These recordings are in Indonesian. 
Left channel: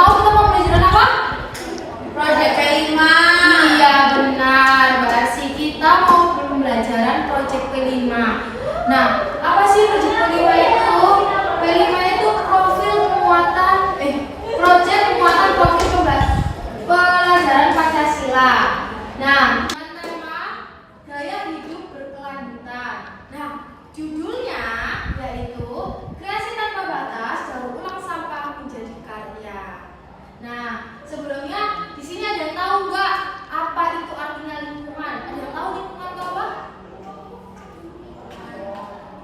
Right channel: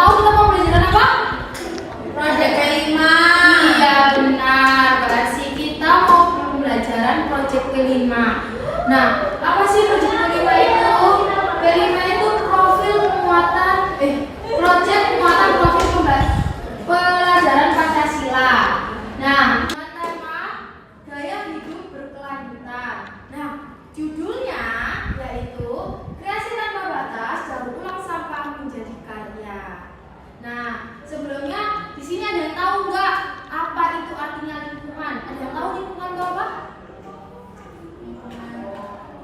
tahu kita mau belajar apa? Proyek kelima. Iya benar, Basi. Kita mau pembelajaran proyek P5. Nah, apa sih proyek P5 itu? P5 itu proyek penguatan pelajaran Pancasila. Nah, tema gaya hidup berkelanjutan. Nah, judulnya yaitu kreasi tanpa batas, daur ulang sampah menjadi karya. Nah, sebelumnya di sini ada yang tahu nggak apa itu artinya lingkungan? Ada yang tahu lingkungan itu apa?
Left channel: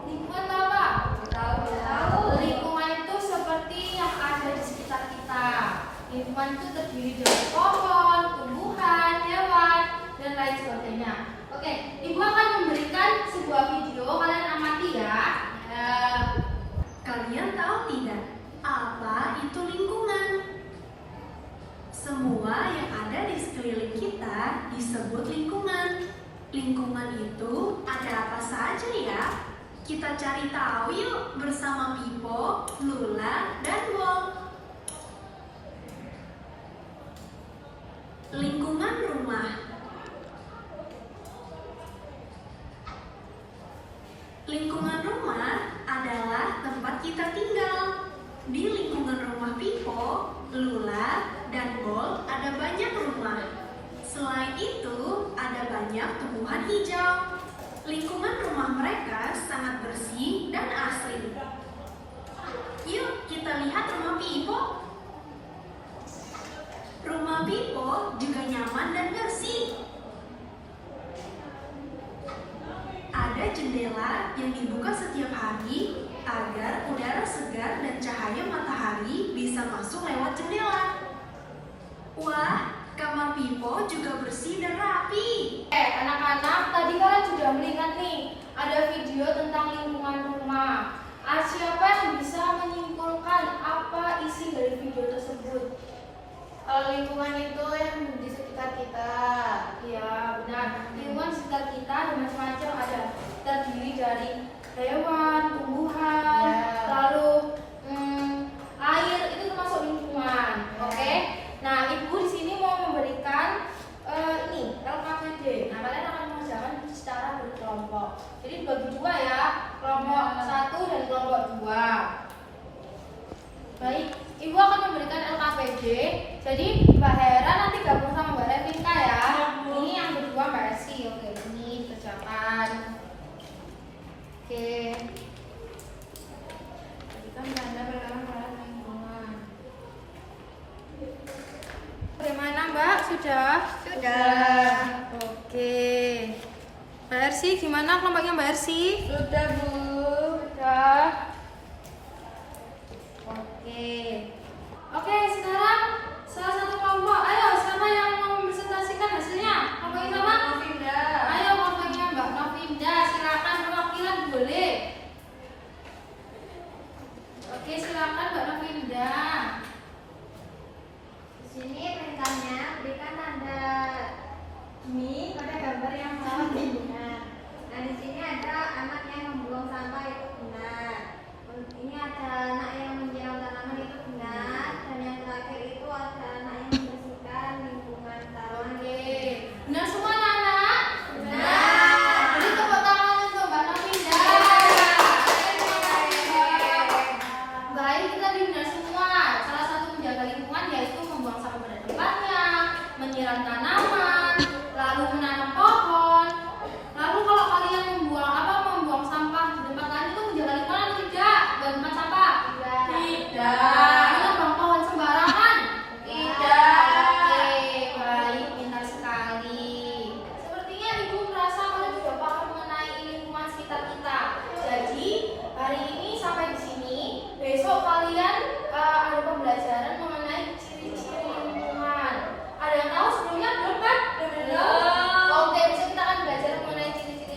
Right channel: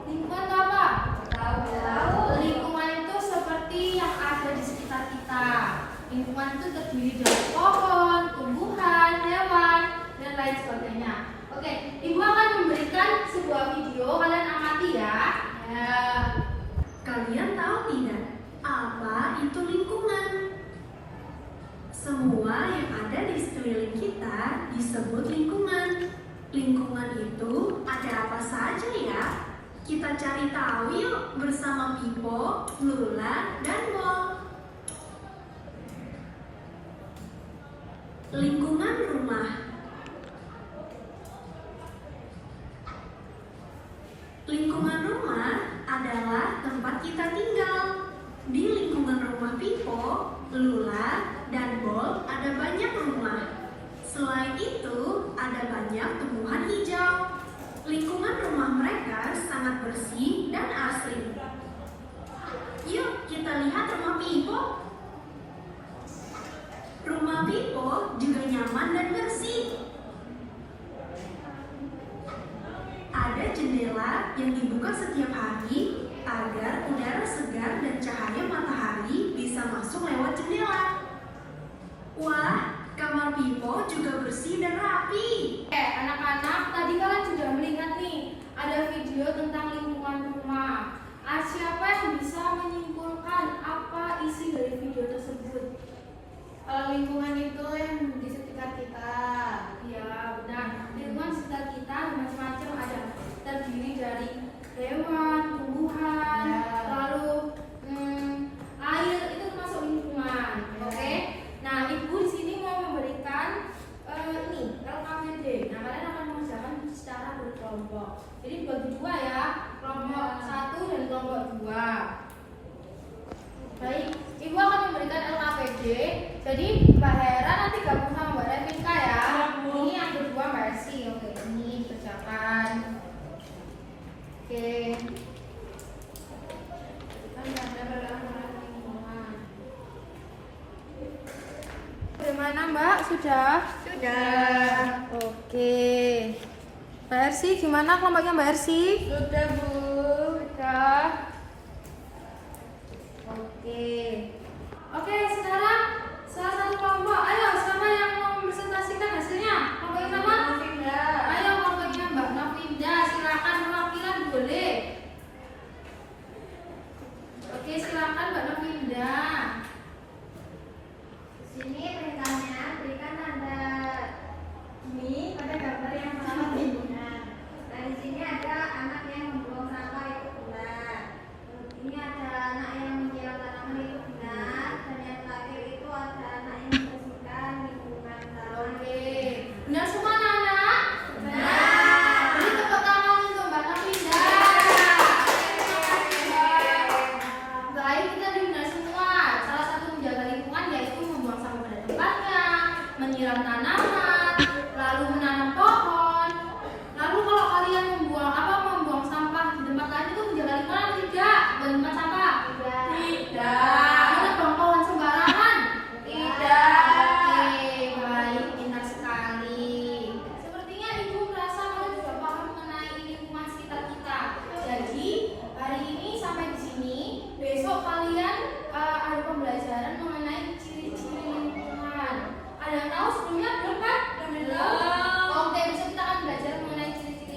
Lingkungan itu apa? Tahu. Lingkungan itu seperti yang ada di sekitar kita. Lingkungan itu terdiri dari pohon, tumbuhan, hewan, dan lain sebagainya. Oke, Ibu akan memberikan sebuah video, kalian amati ya. Kalian tahu tidak apa itu lingkungan? Semua yang ada di sekeliling kita disebut lingkungan. Lingkungan itu ada apa saja ya? Kita cari tahu yuk bersama Pipo, Lula, dan Bol. Lingkungan rumah. Lingkungan rumah adalah tempat kita tinggal. Di lingkungan rumah Pipo, Lula, dan Bol ada banyak rumah. Selain itu, ada banyak tumbuhan hijau. Lingkungan rumah mereka sangat bersih dan asri. Yuk kita lihat rumah Pipo. Rumah Pipo juga nyaman dan bersih. Ada jendela yang dibuka setiap hari agar udara segar dan cahaya matahari bisa masuk lewat jendela. Wah, kamar Pipo juga bersih dan rapi. Anak-anak, tadi kalian sudah melihat nih, ada video tentang lingkungan rumah. Siapa yang bisa menyimpulkan apa isi dari video tersebut? Lingkungan itu yang di sekitar kita. Ya, benar. Lingkungan sekitar kita ada macam-macam, ada terdiri dari hewan, tumbuhan, lalu air, itu termasuk lingkungan. Oke? Nah, Ibu di sini mau memberikan ini LKPD. Nah, kalian akan mengerjakan secara berkelompok. Jadi bagi dua ya, kelompok 1 dan kelompok 2. Baik, Ibu akan memberikan LKPD. Jadi Mbak Hera nanti gabung sama Mbak Revinka ya. Ini yang kedua Mbak Esi. Oke, ini dikerjakan. Oke. Kita belajar tentang lingkungan. Bagaimana Mbak? Sudah? Sudah. Oke. Mbak Ersi, gimana kelompoknya Mbak Ersi? Sudah, Bu. Sudah. Oke. Oke, sekarang salah satu kelompok. Ayo, siapa yang mau mempresentasikan hasilnya? Kelompoknya sama? Novinda. Ayo, kelompoknya Mbak Novinda. Silakan perwakilan boleh. Oke, silakan Mbak Novinda. Sini perintahnya berikan tanda ini pada gambar yang sama lingkungan. Nah di sini ada anak yang membuang sampah itu benar. Ini ada anak yang menyiram tanaman itu benar. Dan yang terakhir itu ada anak yang membersihkan lingkungan tanaman. Oke. Benar semua anak-anak? Benar. Jadi tepuk tangan untuk Mbak Novinda. Baik, kita benar semua. Salah satu menjaga lingkungan yaitu membuang sampah pada tempatnya, menyiram tanaman, lalu menanam pohon. Lalu kalau kalian membuang sampah di tempat lain itu menjaga lingkungan tidak? Dan tempat sampah? Tidak. Kita buang pohon sembarangan? Tidak. Oke, baik, pintar sekali. Sepertinya Ibu merasa kalian juga paham mengenai lingkungan sekitar kita. Jadi hari ini sampai di sini. Besok kalian ada pembelajaran mengenai ciri-ciri lingkungan. Ada yang tahu sebelumnya belum kan? Belum. Oke, besok kita akan belajar mengenai ciri-ciri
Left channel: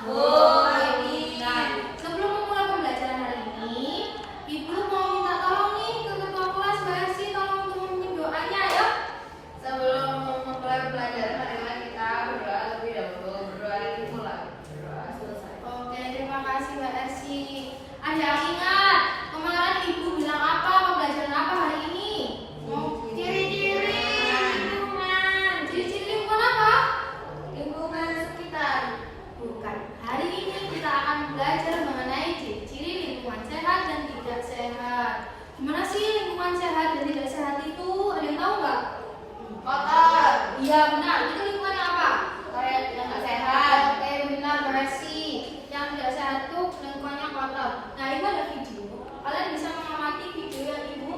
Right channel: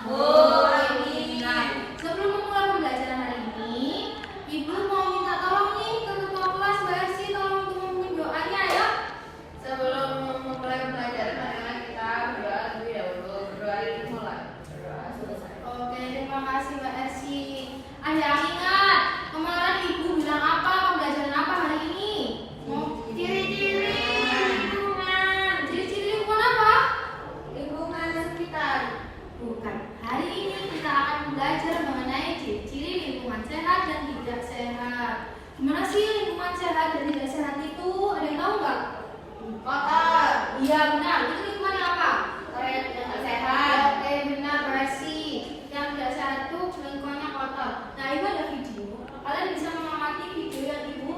Nah, sebelum memulai pembelajaran hari ini, Ibu mau minta tolong nih ke ketua kelas Mbak Esi, tolong untuk memimpin doanya ya. Sebelum memulai pembelajaran, marilah kita berdoa terlebih dahulu. Berdoa dimulai. Berdoa selesai. Oke, terima kasih Mbak Esi. Ada yang ingat kemarin Ibu bilang apa, pembelajaran apa hari ini? Ciri-ciri lingkungan. Ciri-ciri lingkungan apa? Lingkungan sekitar. Bukan. Hari ini kita akan belajar mengenai ciri-ciri lingkungan sehat dan tidak sehat. Gimana sih lingkungan sehat dan tidak sehat itu? Ada yang tahu nggak? Kotor. Iya benar. Itu lingkungannya apa? Kayak yang nggak sehat. Oke benar berhasil. Yang tidak sehat itu lingkungannya kotor. Nah Ibu ada video. Kalian bisa mengamati video yang Ibu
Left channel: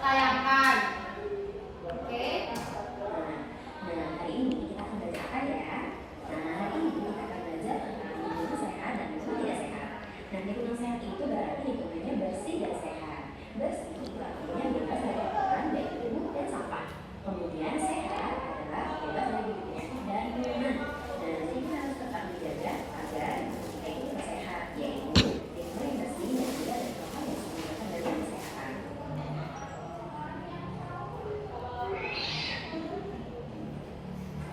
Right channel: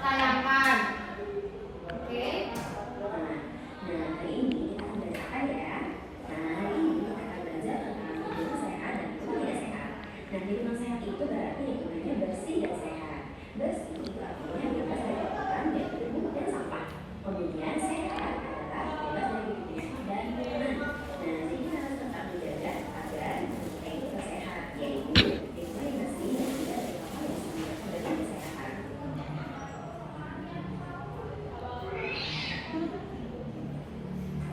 tayangkan. Oke. Nah, hari ini kita akan belajar apa ya? Nah, hari ini kita akan belajar tentang lingkungan sehat dan lingkungan tidak sehat. Nah, lingkungan sehat itu berarti lingkungannya bersih dan sehat. Bersih itu artinya bebas dari kotoran, dari debu dan sampah. Kemudian sehat adalah bebas dari penyakit dan kuman. Nah, jadi kita harus tetap menjaga agar lingkungan kita itu tetap sehat, yaitu lingkungan yang bersih dan tidak ada hal yang membahayakan bagi kesehatan.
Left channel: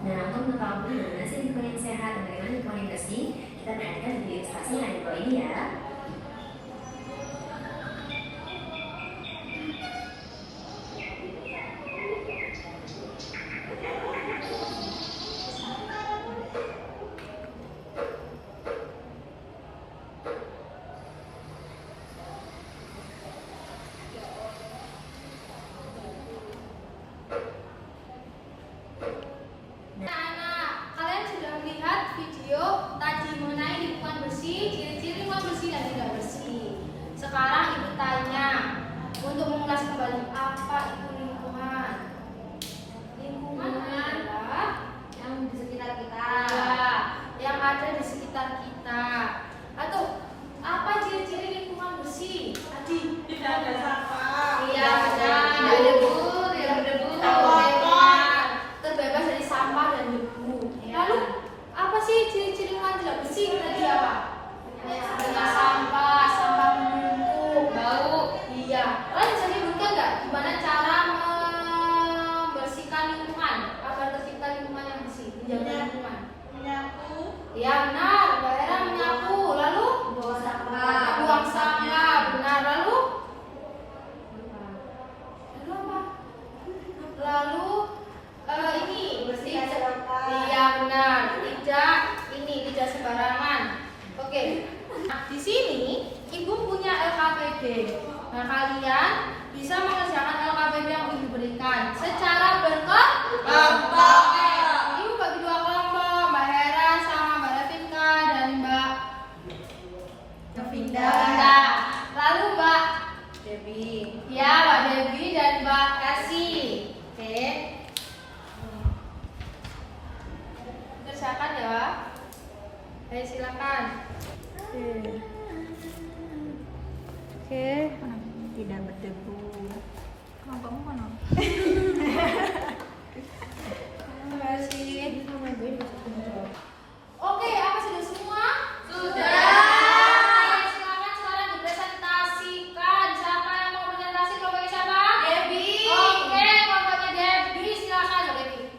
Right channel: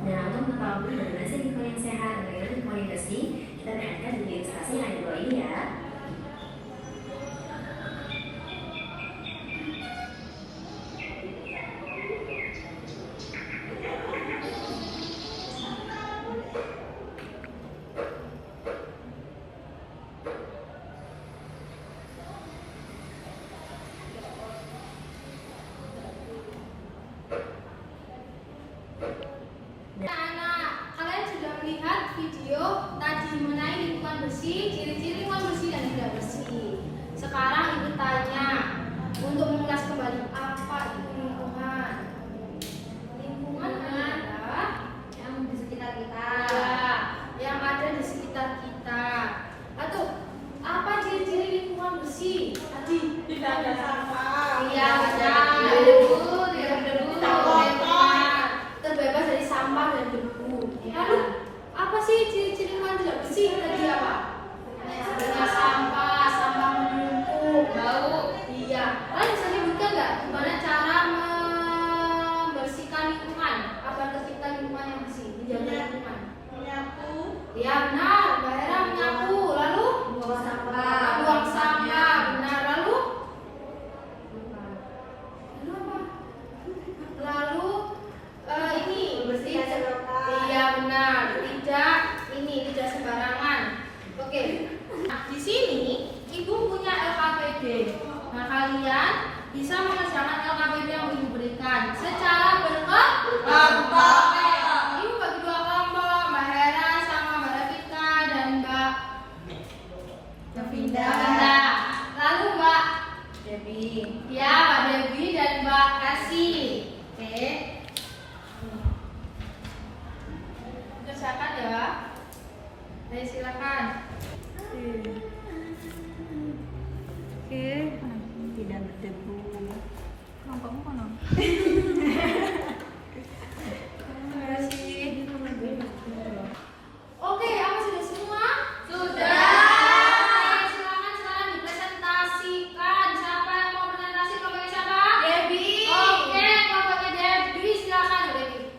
Nah, untuk mengetahui bagaimana sih lingkungan yang sehat dan bagaimana lingkungan yang bersih, kita perhatikan video ilustrasi yang ada di bawah ini ya. Anak-anak, kalian sudah melihat video tadi mengenai lingkungan bersih, ciri-ciri lingkungan bersih dan tidak bersih. Sekarang Ibu tanya untuk mengulas kembali apa itu lingkungan. Lingkungan adalah Yang di sekitar kita. yang ada di sekitar kita. Atau apa ciri-ciri lingkungan bersih? Tadi Tidak ada sampah. iya Tidak tidak ada debu. Tidak berdebu. terbebas dari sampah dan debu. Ya. Lalu apa sih ciri-ciri lingkungan tidak bersih? Tadi apa? Banyak sampah, sampah menumpuk, Bau. Iya. Kalian bisa sebutkan nggak gimana cara membersihkan lingkungan agar tercipta lingkungan yang bersih, menjaga lingkungan? Menyapu. Ya benar, Mbak Hera menyapu. Lalu Buang sampah. buang sampah. Benar. Lalu apa? Lalu ini Bersihkan sedotan. Iya benar. Tidak sembarangan. Oke. Nah, di sini Ibu punya LKPD. Nah, kalian bisa mengerjakan LKPD yang Ibu berikan secara Kelompok. Ibu bagi dua kelompok, Mbak Hera sama Mbak Rafika dan Mbak Davinda. Lalu Mbak Debbie. ya Mbak Debbie dan Mbak Kasih. Oke. Kerjakan ya. Ayo silakan. Tidak berdebu. Kelompokmu mana? Oke, apa sudah semua? Sudah. Silakan sekarang dipresentasikan. Siapa yang mau presentasi? Kelompoknya siapa? Debbie. Oke, kelompoknya Debbie. Silakan Debbie.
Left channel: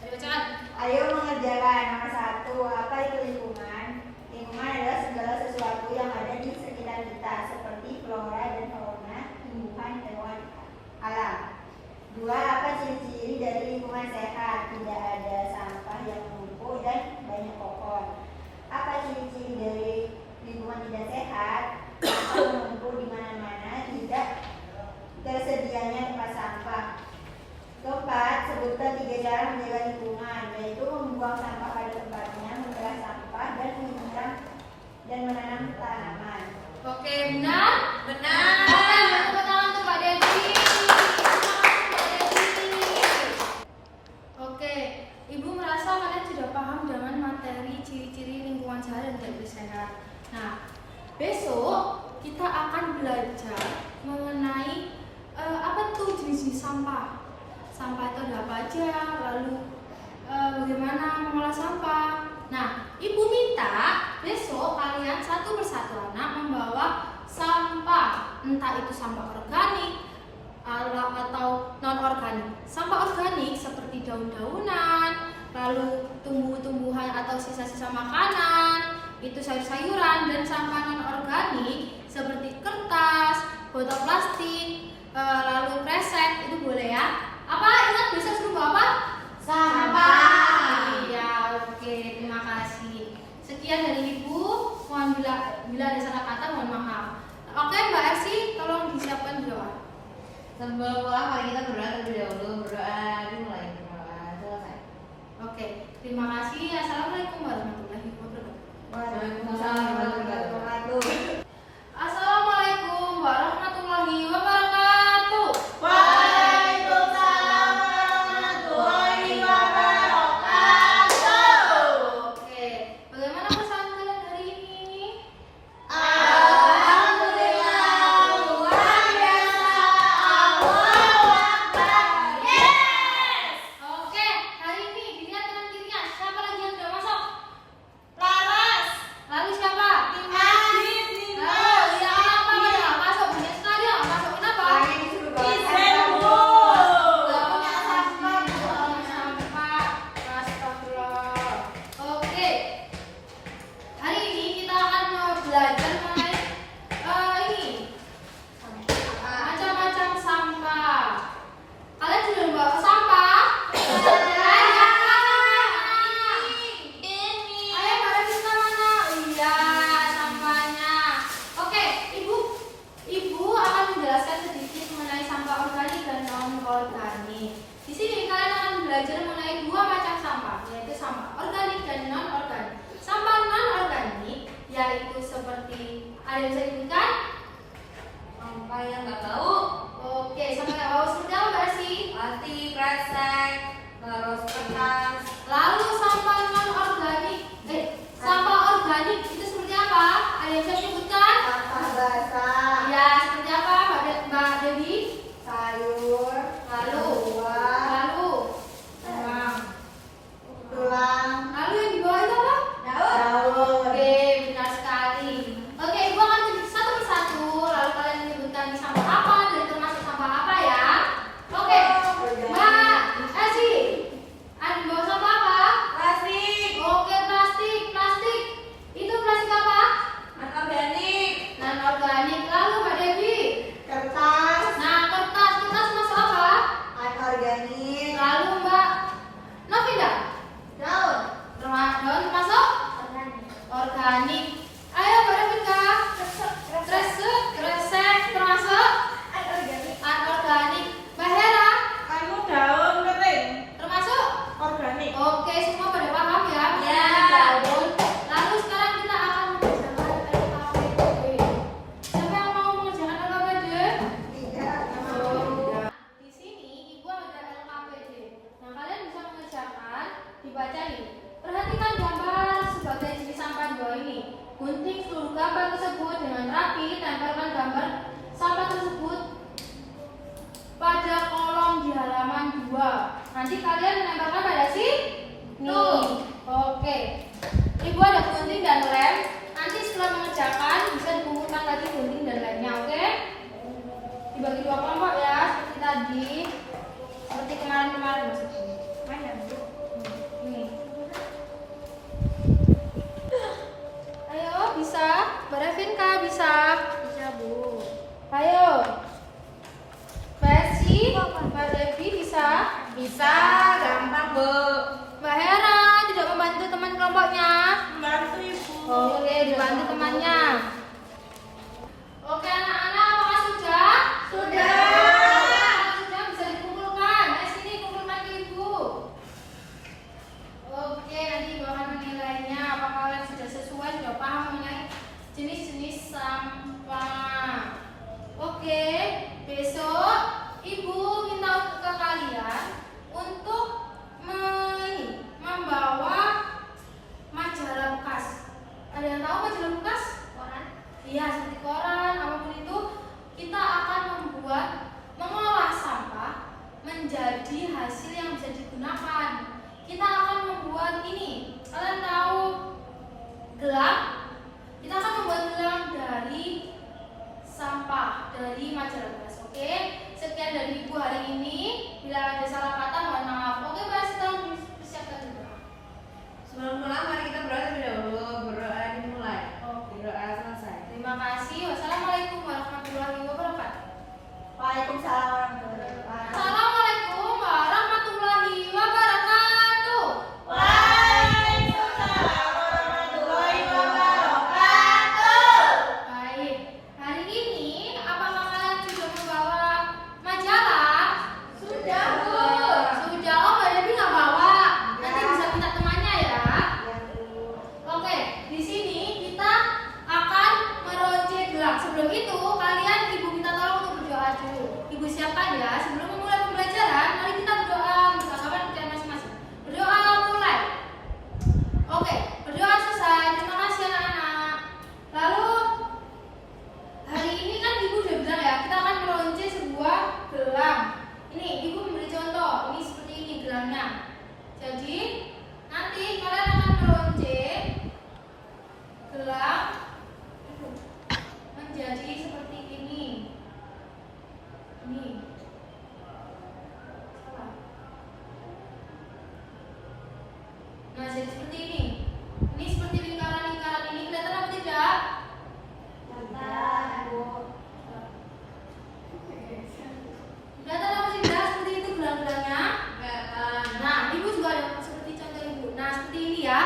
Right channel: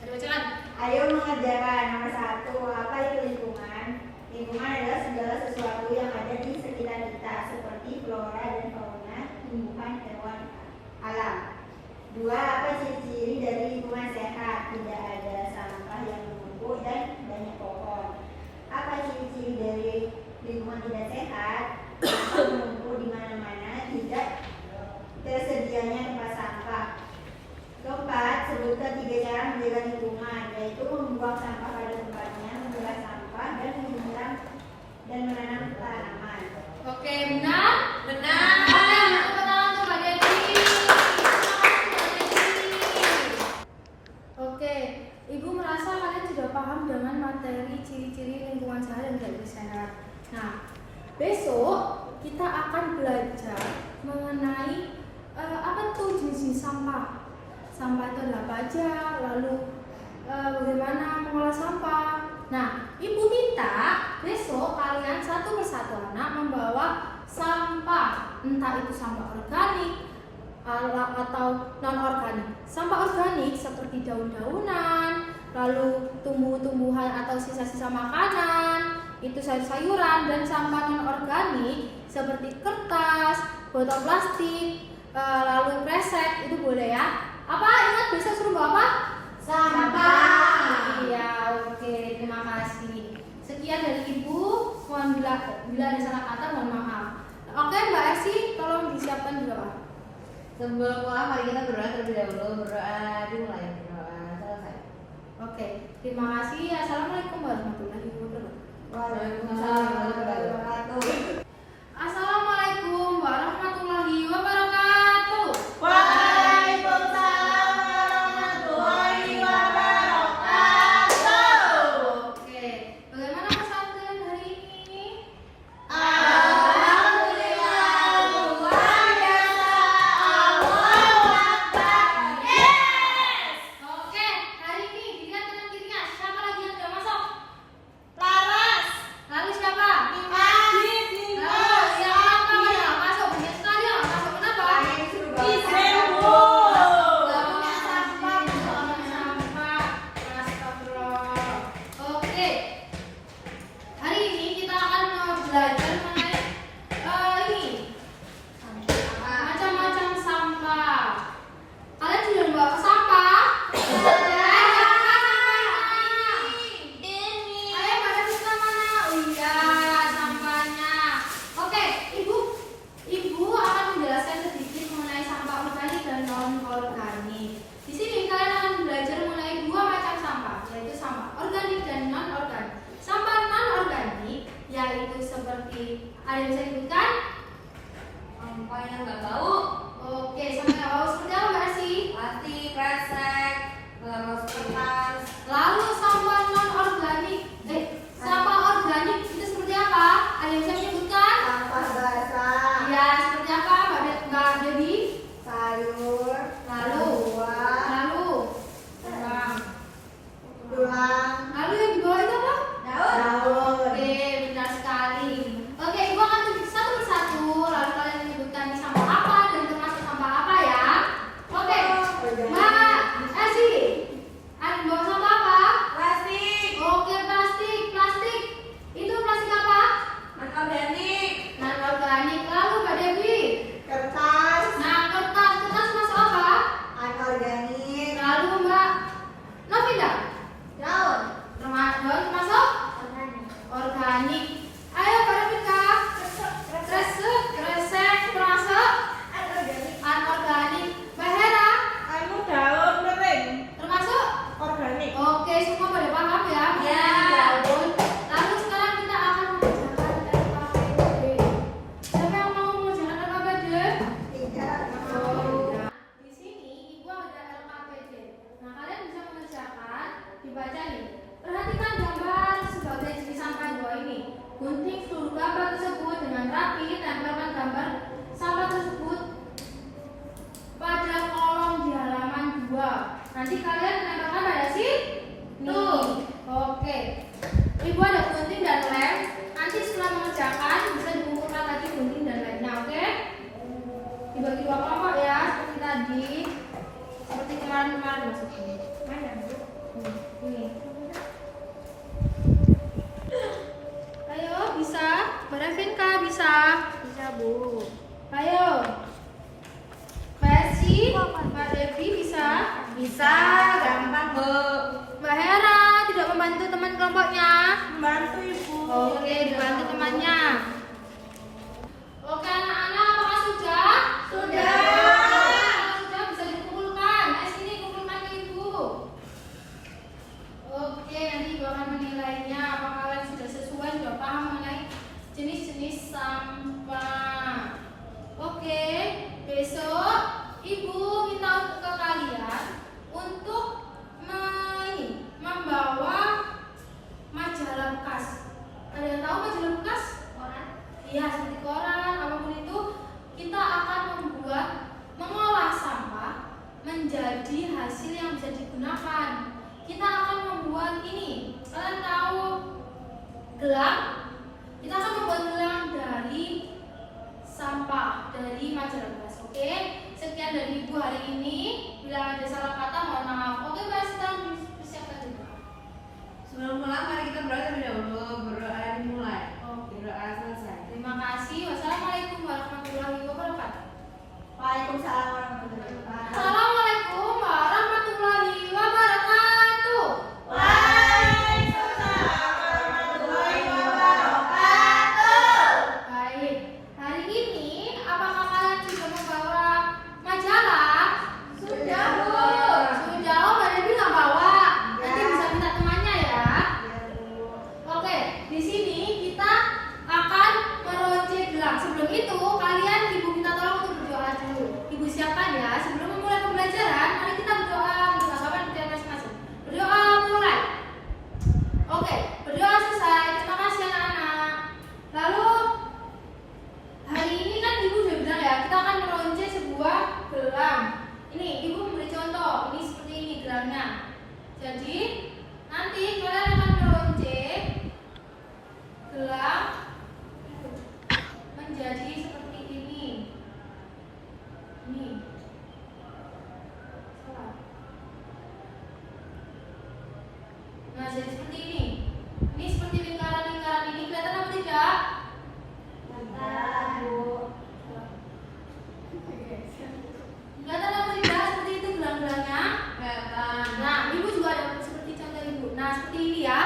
Ada bacakan. Ayo mengerjakan nomor 1. Apa itu lingkungan? Lingkungan adalah segala sesuatu yang ada di sekitar kita, seperti flora dan fauna, tumbuhan, hewan, alam. 2. Apa ciri-ciri dari lingkungan sehat? Tidak ada sampah yang menumpuk dan banyak pohon. Apa ciri-ciri dari lingkungan tidak sehat? Sampah menumpuk di mana-mana, tidak tersedianya tempat sampah. 4. Sebutkan 3 cara menjaga lingkungan, yaitu membuang sampah pada tempatnya, memilah sampah, dan menanam tanaman. Oke, benar? Benar. Oke, tepuk tangan untuk Mbak Debbie. Oke, Ibu merasa kalian sudah paham dengan materi ciri-ciri lingkungan sehat dan tidak sehat. Nah, besok kita akan belajar mengenai apa tuh jenis-jenis sampah. Sampah itu ada apa aja, lalu bagaimana mengolah sampah. Nah, Ibu minta sampah, entah itu sampah organik atau non organik. Sampah organik seperti daun-daunan, lalu tumbuh-tumbuhan atau sisa-sisa makanan, itu sayur-sayuran, dan sampah non organik seperti kertas, botol plastik, lalu kresek, itu boleh ya. Apa? Ingat besok suruh bawa apa? Sampah. Iya, oke, terima kasih. Sekian dari Ibu, mohon bila ada salah kata mohon maaf. Oke Mbak Esi, tolong disiapkan juga Pak. Sebelum pulang mari kita berdoa terlebih dahulu. Berdoa dimulai. Berdoa selesai. Oke, terima kasih. Assalamualaikum warahmatullahi wabarakatuh. Waalaikumsalam warahmatullahi wabarakatuh. Assalamualaikum warahmatullahi wabarakatuh. Waalaikumsalam warahmatullahi wabarakatuh. Oke, bagaimana pesantren hari ini? Alhamdulillah, luar biasa. Allahu Akbar. Yes. Oke, hari ini dilihat kanan kirinya. Siapa lagi yang sudah masuk? Laras. Lalu siapa? Adit. Lalu yang apa pada masuk? Banyak sekali yang masuk. Kenapa? Oke, hari ini kita akan belajar mengenai ini macam-macam sampah. Kalian sudah membawa ke sampah? Ayo pada kita mana? Iya, sampahnya. Oke, ibu akan menjelaskan sedikit mengenai sampah organik dan non organik. Di sini kalian akan belajar mengenai dua macam sampah, yaitu sampah organik dan non organik. Sampah non organik yaitu seperti ada yang bisa disebutkan? Sampah yang nggak tahu. Oke, sampah yang tahu seperti apa Mbak Esi? Plastik, kresek, terus kertas. Lalu sampah non organik, sampah organik itu seperti apa? Ada yang bisa menyebutkan? Sampah basah. Ya, seperti apa Mbak Dewi? Sayur. Lalu, Tulang. lalu yang di bawah itu apa? Daun. Oke, benar sekali. Oke, ibu akan tunjuk satu persatu, lalu kalian menyebutkan ini sampah apa dan termasuk sampah apa ya? Oke, Mbak Esi, ada di bawah sampah apa? Plastik. Oke, plastik. Itu plastik apa? Organik. Non organik. Lalu Mbak Dewi. Kertas. Nah, kertas masuk apa? Anorganik. Lalu Mbak Novinda. Daun. Daun termasuk organik. Ayo Mbak Novinda. Kresek termasuk Anorganik. anorganik. Mbak Hera Daun kering. termasuk. Organik. Oke, semua pada paham ya? Ya. Daun. Lalu sekarang kita akan mengerjakan LKPD. Siapa yang mau mengerjakan LKPD? Tiga. Di sini ibu ada LKPD. Nah, kalian bisa mengerjakan, dibaca nih. Perhatikan gambar sebagai jenis sampah dua ini. Gunting seluruh gambar tersebut dengan rapi, tempelkan gambar sampah tersebut pada kolom di halaman 2. Nanti kalian menempelkan pada sini. Oke. Ibu ada gunting dan lem. Nanti setelah mengerjakan bisa dikumpulkan lagi gunting dan lemnya, oke? Dibagi dua kelompok ya, seperti tadi. Seperti kemarin-kemarin maksudnya. Ini. Ayo, bisa? Berevinka bisa? Bisa, Bu. Ayo. Versi Mbak Devi bisa? Bisa, gampang Bu. Mbak Hera tidak membantu teman kelompoknya? Membantu Ibu. Oke, dibantu temannya. Oke, anak-anak, apakah sudah? Sudah. Kalau sudah bisa dikumpulkan. Nah, sini kumpulkan ke Ibu. Oke, nanti Ibu akan menilainya. Apakah kalian sudah sesuai, sudah paham mengenai jenis-jenis sampah. Oke, besok Ibu minta ke kalian untuk membawa majalah bekas. Ada yang tahu majalah bekas? Koran? Iya, seperti koran, apapun itu. Kita akan mengolah sampah menjadi hasil yang bisa digunakan. Kita akan membuat ini. Kalian tahu gelang? Kita akan membuat gelang dari di majalah Bas. Oke, sekian dari Ibu hari ini. Bila ada salah kata mohon maaf. Oke, Bas, sekarang dipersiapkan juga. Sebelum pulang, mari kita berdoa terlebih dahulu. Berdoa dimulai. Oke. Berdoa selesai. Terima kasih. Wassalamualaikum warahmatullahi wabarakatuh. Waalaikumsalam warahmatullahi wabarakatuh. Assalamualaikum warahmatullahi wabarakatuh. Waalaikumsalam warahmatullahi wabarakatuh. Baik, hari ini apakah kalian sudah membawa majalah? Sudah, Bu. Sudah, oh Mbak Debbie nggak bawa. Nanti bisa minta temannya ya. Ya, Bu. Oke, di sini kita akan meronce gelang. Sebelum itu, kalian ibu minta tolong untuk berdoa dulu. Ibu siapkan ya. Sebelum memulai pembelajaran, mari kita berdoa untuk tanggapan kerjaan masing-masing. Berdoa mulai. Oke, berdoa selesai. Terima kasih anak-anak. Lalu hari ini kan ibu udah bilang ya, kita akan meronce sebuah gelang. Ini ibu memberi contoh. Ini seperti ini gelangnya. Jadi nanti kalian akan meronce gelang menjadi seperti ini. Ini salah. Nah, jadi seperti ini. Ini seperti lingkaran-lingkaran ini. Kelihatan apa tidak? Bentar, Bu. Kelihatan apa tidak? Seperti itu gelang-gelangnya. Kelihatan. Nah, ibu juga ada seperti contoh ibu. Nah, seperti ini ya.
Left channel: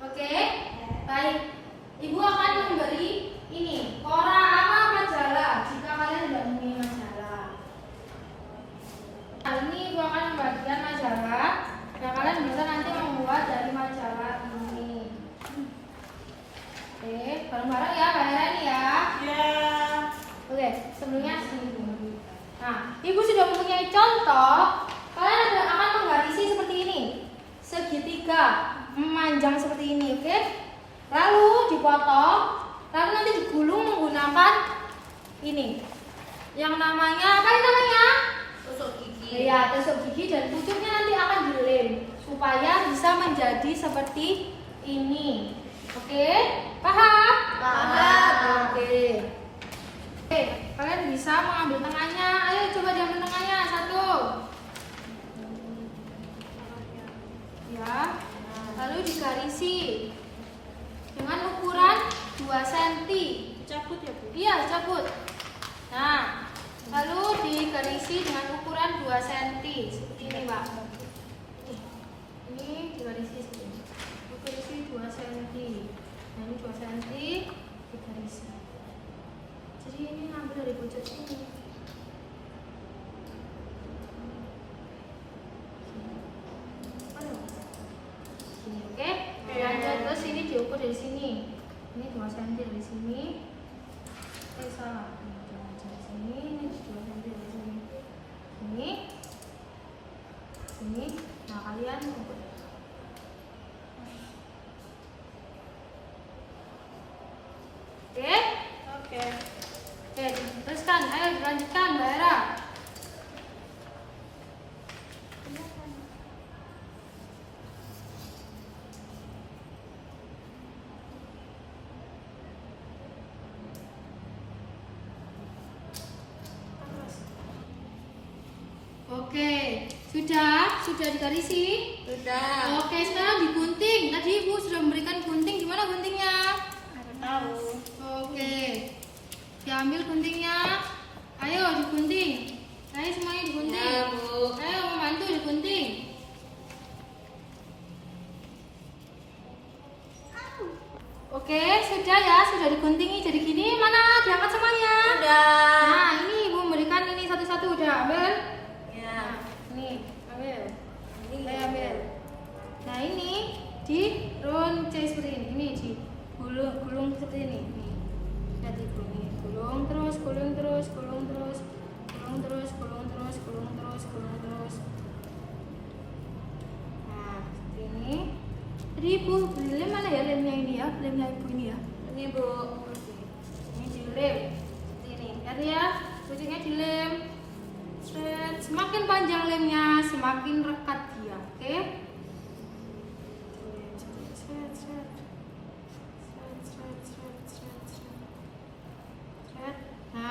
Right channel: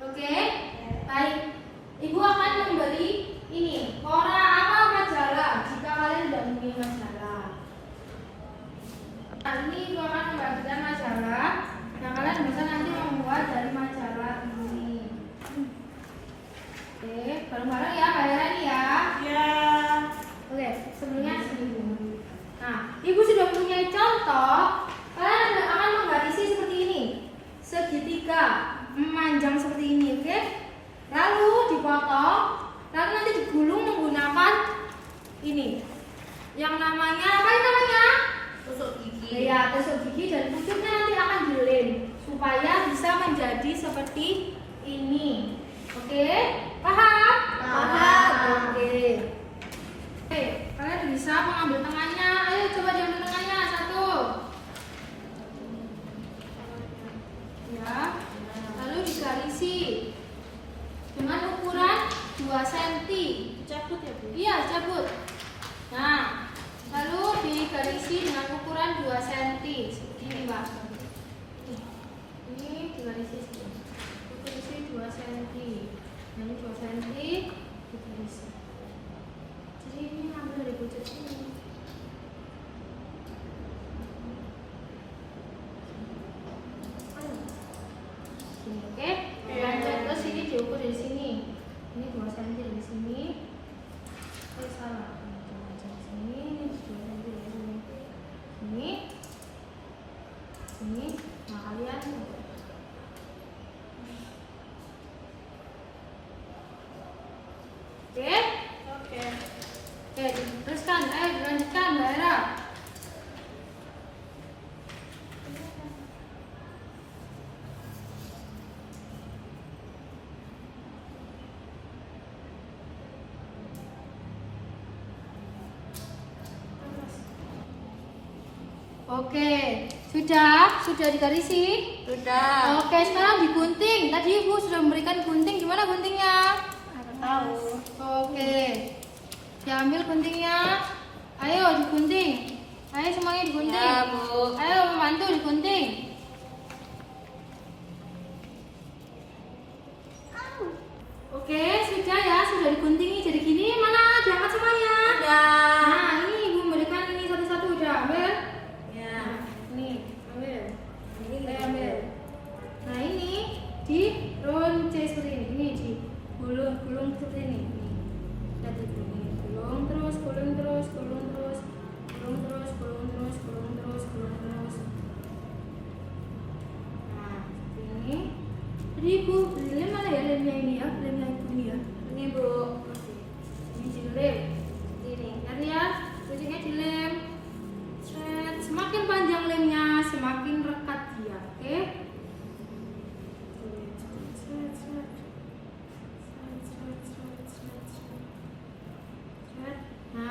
Oke, baik. Ibu akan memberi ini koran apa majalah jika kalian tidak mempunyai majalah. Nah, ini ibu akan membagikan majalah. Nah, kalian bisa nanti membuat dari majalah ini. Oke, bareng-bareng ya, bayaran ya. Ya. Oke, sebelumnya sini dulu. Nah, ibu sudah mempunyai contoh. Kalian akan menggarisi seperti ini, segitiga memanjang seperti ini, oke? Lalu dipotong, lalu nanti digulung menggunakan ini, yang namanya apa ini namanya? Tusuk gigi. Iya, tusuk gigi dan pucuknya nanti akan dilem supaya bisa menjadi seperti ini, oke? Paham? Paham. Oke. Oke, kalian bisa mengambil tengahnya. Ayo coba diambil tengahnya satu. Ya. Lalu digarisi dengan ukuran 2 cm. Cabut ya, Bu. Iya, cabut. Nah, lalu digarisi dengan ukuran 2 cm seperti ini, Pak. Ini digarisi seperti ini. Digarisi 2 cm. Nah, ini 2 cm digarisi. Jadi ini ngambil dari pucuk sini. Ada nggak? Sini, oke? Lanjut terus ini diukur dari sini. Ini 2 cm dari sini. Salah. Ini dari sini. Ini 2 cm dari sini. Ini. Sini. Nah, kalian ukur. Oke? Oke. Oke, teruskan. Ayo dilanjutkan, Mbak Era. Oke, sudah digarisi. Sudah. Oke, sekarang digunting. Tadi Ibu sudah memberikan gunting. Gimana guntingnya? Tahu. Oke, diambil guntingnya. Ayo digunting. Ayo semuanya digunting. Ya, Bu. Ayo membantu digunting. Oke, sudah ya, sudah diguntingi jadi gini. Mana? Diangkat semuanya. Sudah. Nah, ini Ibu memberikan ini satu-satu udah ambil. Ya. Nah, ini ambil. Ini Saya ambil. Nah, ini di ronce seperti ini. Ini di gulung seperti ini. Nih. Jadi ini gulung terus, gulung terus, gulung terus, gulung terus, gulung terus, gulung terus, gulung terus. Nah, seperti ini. Jadi Ibu lem mana ya lemnya ini ya? Lemnya Ibu ini ya. Ini, Bu. Oke. Ini dilem. Seperti ini. Lihat ya, kucingnya dilem. Set. Semakin panjang lemnya, semakin rekat dia. Oke? Set, set, set. Set, set, set, set, set. Set. Nah,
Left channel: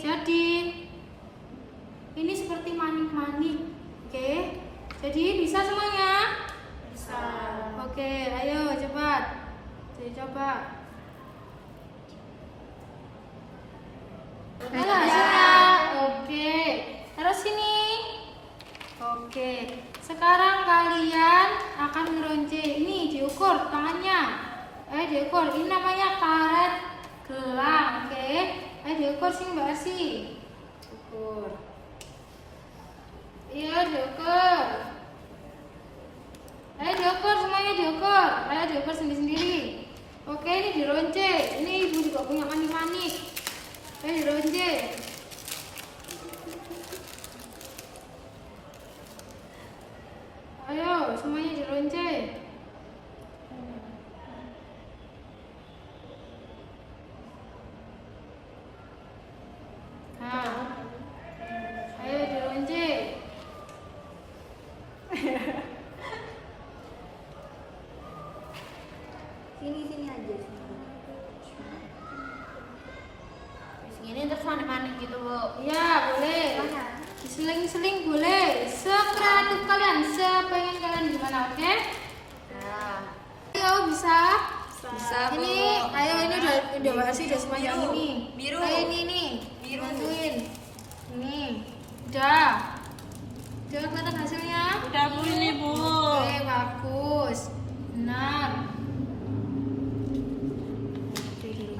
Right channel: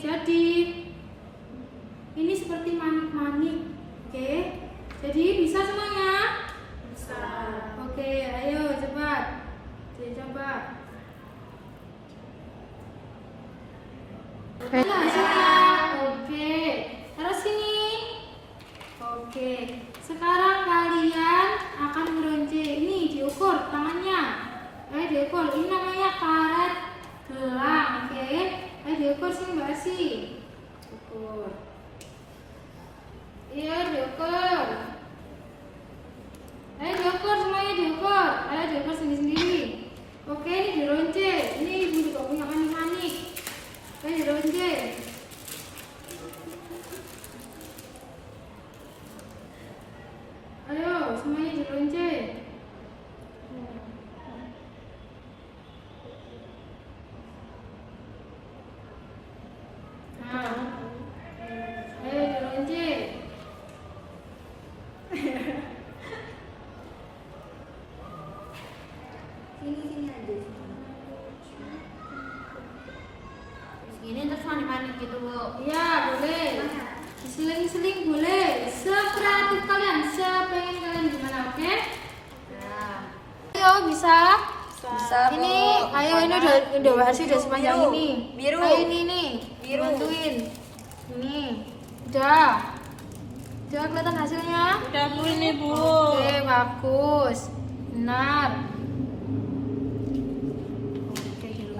jadi ini seperti manik-manik. Oke, jadi bisa semuanya? Bisa. Oke, ayo cepat. Coba. Oke, hasilnya. Oke, terus sini. Oke, sekarang kalian akan meronce. Ini diukur tangannya. Diukur. Ini namanya karet gelang. Oke, diukur sini Mbak Asi. Ukur. Iya, diukur. Diukur semuanya diukur. Diukur sendiri-sendiri. Oke, ini dironce. Ini ibu juga punya manik-manik. Dironce. Ayo, semuanya dironce. Nah, ayo dironce. Sini aja. Segini terus manik-manik gitu Bu. Iya, boleh. Diseling-seling boleh. Sekreatif kalian, sepengen kalian gimana, oke? Nah, Ayo, bisa? bisa Bu. Ini, ayo ini udah Mbak Asi udah sepanjang Biru. ini. Biru. Ayo ini. Biru. Bantuin. Ini. Udah. Udah kelihatan hasilnya? Udah Bu ini Bu. Oke, bagus. Benar. Oke, gitu.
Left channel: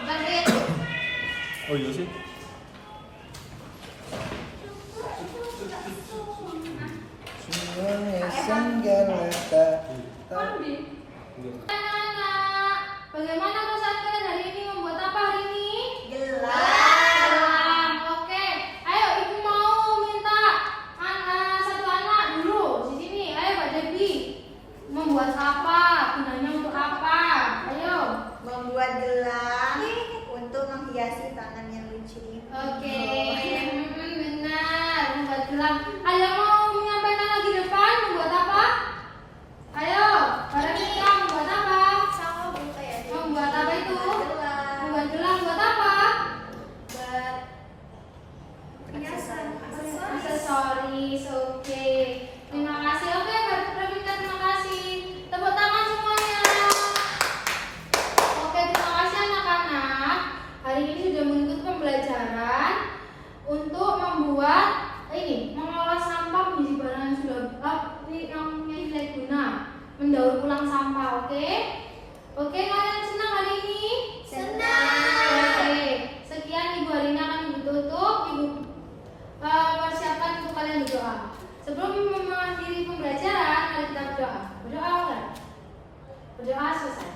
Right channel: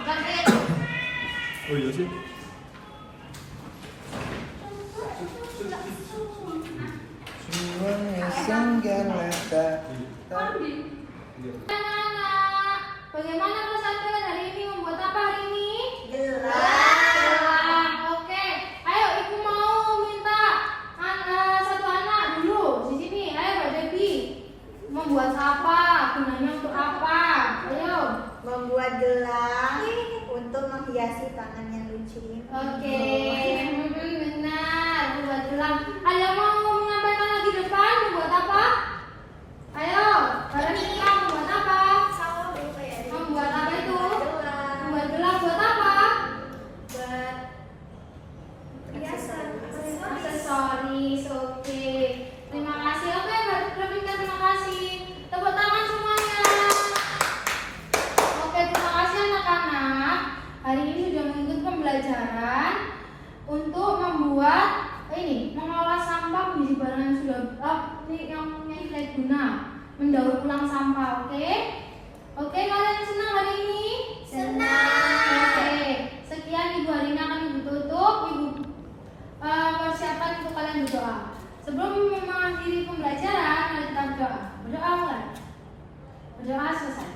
Bangkit. Oh iya sih. Anak-anak, bagaimana perasaan kalian hari ini? Membuat apa hari ini? Gelang. Oke, ayo ibu mau minta satu anak dulu di sini. Ayo Mbak Debbie, membuat apa? Gunanya untuk apa? Ayo. Membuat gelang untuk menghiasi tangan yang lucu ini. Oke, benar. Membuat gelang. Ayo mau menyampaikan lagi depan? Membuat apa? Ayo, bareng kita membuat apa? Sama Bu kayak dia. Membuat apa itu? Gelang. Membuat gelang buat apa? Buat hiasan, aksesoris. Aksesoris, oke. Terima kasih. Oke, Mbak Rafika, terima kasih. Tepuk tangan semuanya. Oke, terima kasih anak-anak. Hari ini sudah mengikuti pembelajaran untuk membuat mengolah sampah menjadi barang yang sudah yang tidak guna, mendaur ulang sampah. Oke? Oke, kalian senang hari ini? Senang. Oke, sekian Ibu hari ini akan Ibu tutup. Ibu persiapkan untuk kalian berdoa. Sebelum mengakhiri pembelajaran, mari kita berdoa. Berdoa mulai. Berdoa selesai.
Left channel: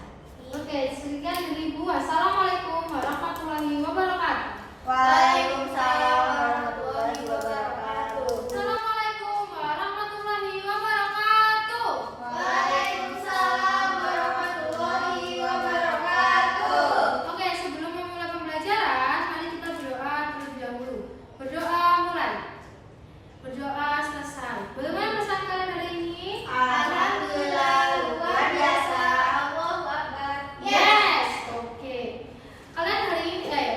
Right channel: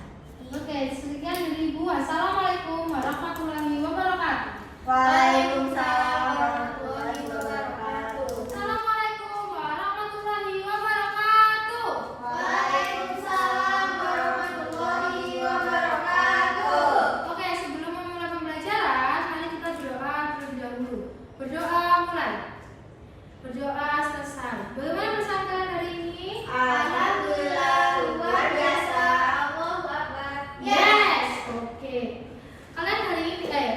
Oke, sekian dari Ibu. Assalamualaikum warahmatullahi wabarakatuh. Waalaikumsalam warahmatullahi wabarakatuh. Assalamualaikum warahmatullahi wabarakatuh. Waalaikumsalam warahmatullahi wabarakatuh. Oke, sebelum memulai pembelajaran, mari kita berdoa terlebih dahulu. Berdoa mulai. Berdoa selesai. Bagaimana perasaan kalian hari ini? Alhamdulillah luar biasa. Allahu Akbar. Yes. Oke.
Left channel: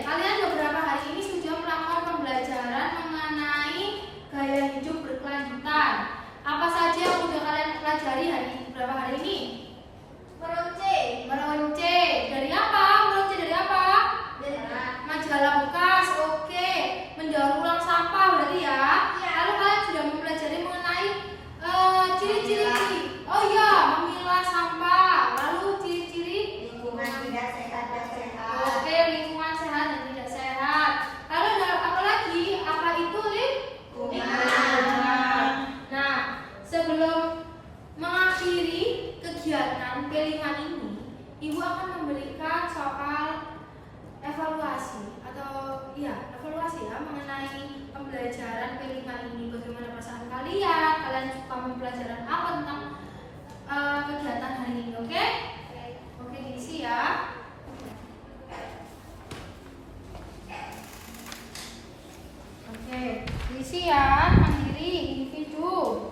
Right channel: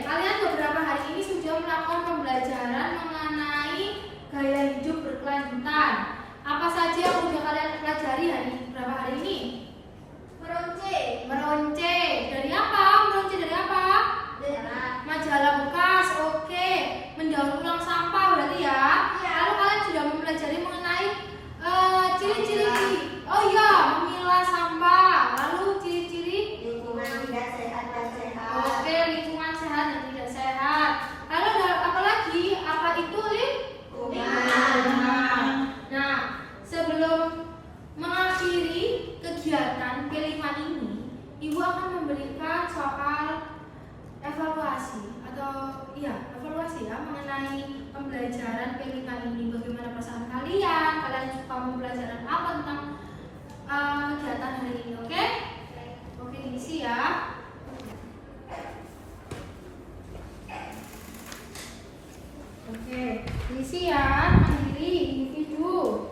Kalian beberapa hari ini sudah melakukan pembelajaran mengenai gaya hidup berkelanjutan. Apa saja yang sudah kalian pelajari beberapa hari ini? Meronce. Dari apa? Meronce dari apa? Majalah bekas. Oke. Mendaur ulang sampah berarti ya. Lalu kalian sudah mempelajari mengenai ciri-ciri. Oh iya, memilah sampah. Lalu ciri-ciri Lingkungan tidak sehat dan sehat. oke, lingkungan sehat dan tidak sehat. Lalu ada apa lagi? Apa itu lingkungan? Nah, sebelum mengakhiri kegiatan P5 ini, Ibu akan memberikan soal evaluasi evaluasi ya mengenai pembelajaran P5 ini. Bagaimana perasaan kalian? Kalian suka mempelajaran apa tentang kegiatan hari ini? Oke? Oke, diisi ya. Oke, diisi ya, mandiri, individu.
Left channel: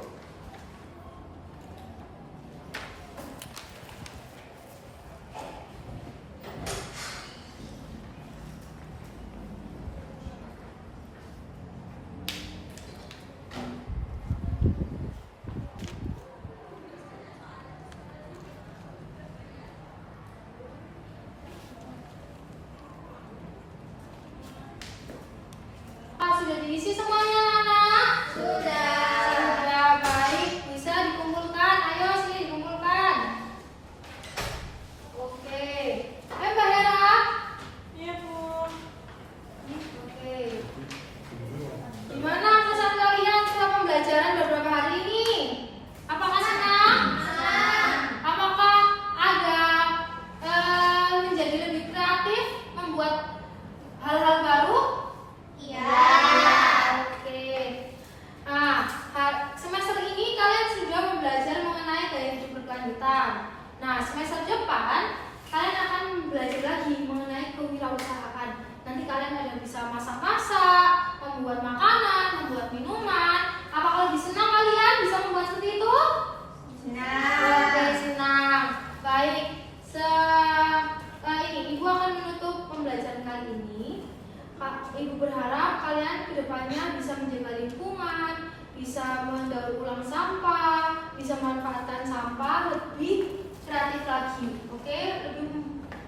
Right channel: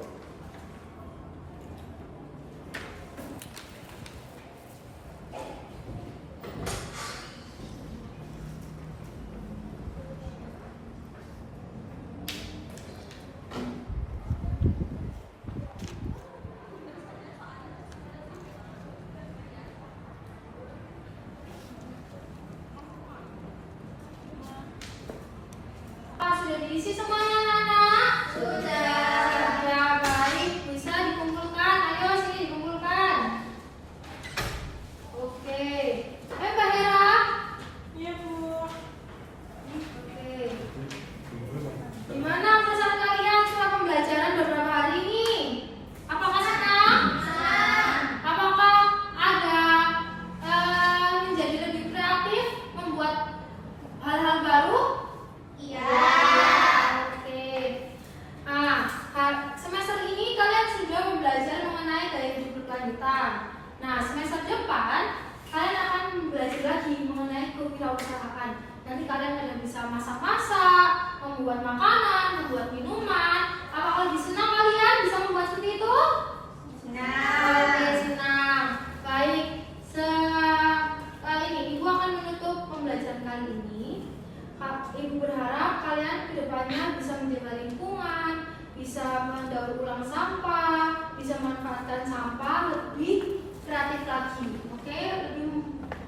Ibu berharap kalian kedepannya bisa menjaga lingkungan, bisa mendaur ulang sampah, bisa memanfaatkan sampah lebih kreatif lagi, oke? Lebih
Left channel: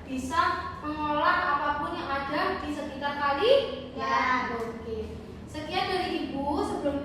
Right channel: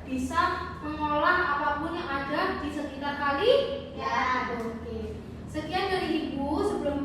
bisa mengolah apapun yang ada di sekitar kali. Ya. Oke. Sekian dari Ibu. Sebelum